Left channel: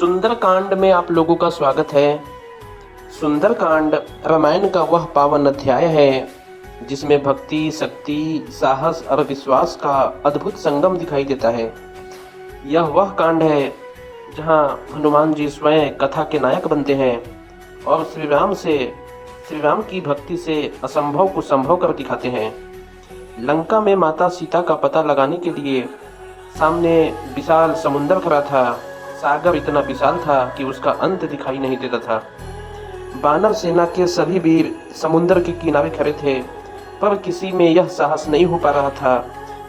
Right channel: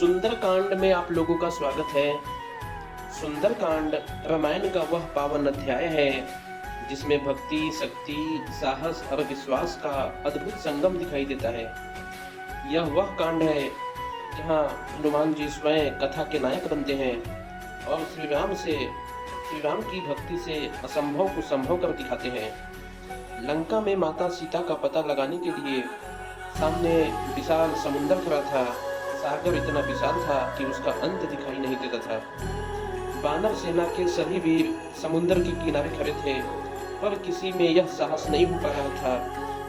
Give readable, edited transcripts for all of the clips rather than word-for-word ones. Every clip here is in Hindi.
सुंदरकांड में आप लोगों का स्वागत है। सुंदरकांड रामायण का वह पावन अध्याय है जिसमें भक्ति, शक्ति, साहस और विश्वास का अद्भुत संगम दिखाई देता है। यह वह कांड है जहां हनुमान जी स्वयं कथा के नायक बनते हैं और श्री राम की भक्ति से असंभव को संभव कर दिखाते हैं। लंका में माता सीता का पता लगाने के लिए सामने विशाल समुद्र खड़ा था। सागर इतना विशाल था कि उसका अंत दिखाई नहीं देता था। वानर सेना के सभी वीर समुद्र के किनारे खड़े थे, पर किसी में यह साहस नहीं हो पा रहा था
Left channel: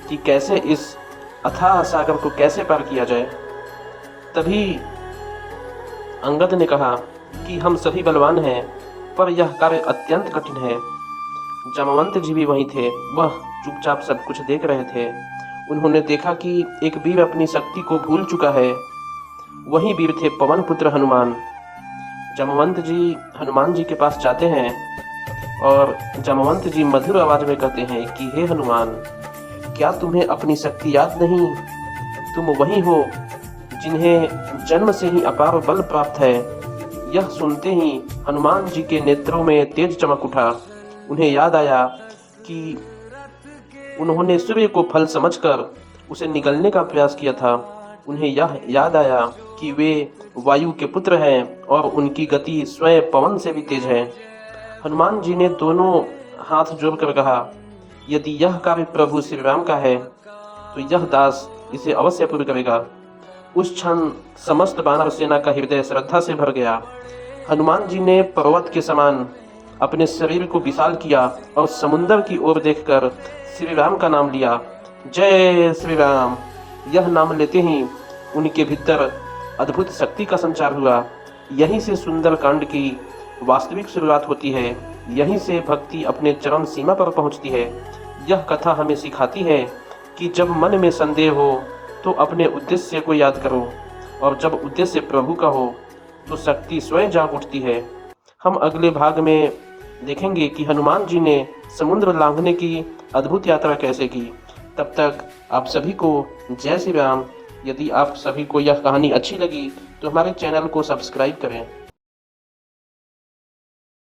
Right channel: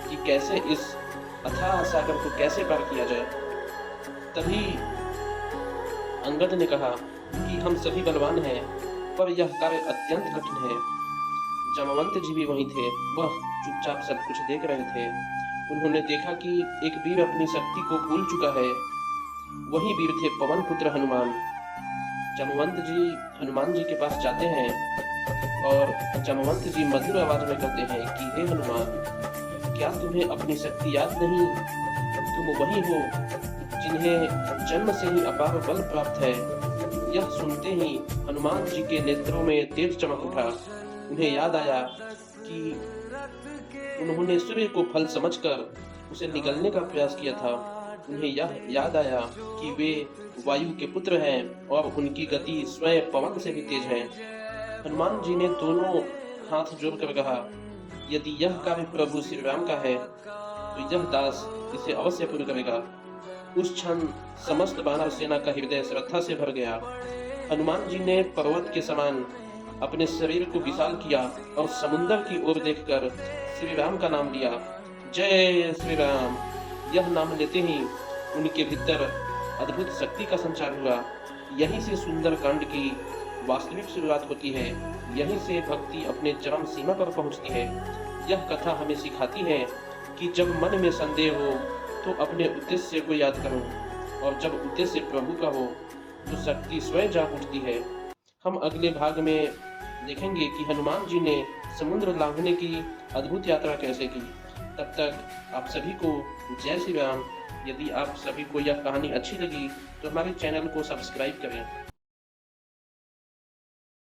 कि कैसे इस अथाह सागर को कैसे पार किया जाए। तभी अंगद ने कहा कि हम सभी बलवान हैं, पर यह कार्य अत्यंत कठिन है। जामवंत जी भी वहीं थे, वह चुपचाप सब कुछ देख रहे थे। उन्होंने देखा कि एक वीर अपनी शक्ति को भूल चुका है। वही वीर थे पवन पुत्र हनुमान। जामवंत जी हनुमान जी के पास जाते हैं और जामवंत जी मधुर आवाज में कहते हैं कि हे हनुमान, क्या तुम्हें अपनी शक्ति याद नहीं? तुम वही हो जिन्हें जन्म से ही अपार बल प्राप्त है। यह सुनते ही हनुमान जी के नेत्रों में तेज चमक उठा। उन्हें याद आया कि उन्होंने सूर्य को फल समझकर उसे निगलने का प्रयास किया था। उन्हें यह याद आया कि वे वायु के पुत्र हैं और उनकी गति स्वयं पवन से भी तेज है। हनुमान जी ने दोनों हाथ जोड़कर कहा, यदि यह कार्य प्रभु श्री राम का है तो यह दास इसे अवश्य पूर्ण करेगा। उस क्षण समस्त वानर सेना का हृदय श्रद्धा से भर गया। हनुमान जी ने पर्वत के समान अपने शरीर को विशाल किया और समुद्र की ओर देखकर श्री राम का नाम लिया। जय श्री राम। यह नाम लेते ही उनके भीतर अद्भुत शक्ति का संचार हुआ। यहीं से सुंदर कांड की वास्तविक शुरुआत होती है। यहीं से भक्ति अपने चरम सीमा पर पहुंचती है। यह कथा हमें सिखाती है कि जब मन में संदेह हो तो अपने उद्देश्य को याद करो, और जब उद्देश्य प्रभु का हो तो शक्ति स्वयं जाग उठती है। हम अगले भाग में देखेंगे कि हनुमान जी ने समुद्र लांघने की अद्भुत यात्रा कैसे की। तब तक आप सभी को जय श्री राम। यदि आप सभी को यह कहानी अच्छी लगी तो हमारे चैनल को सब्सक्राइब करें।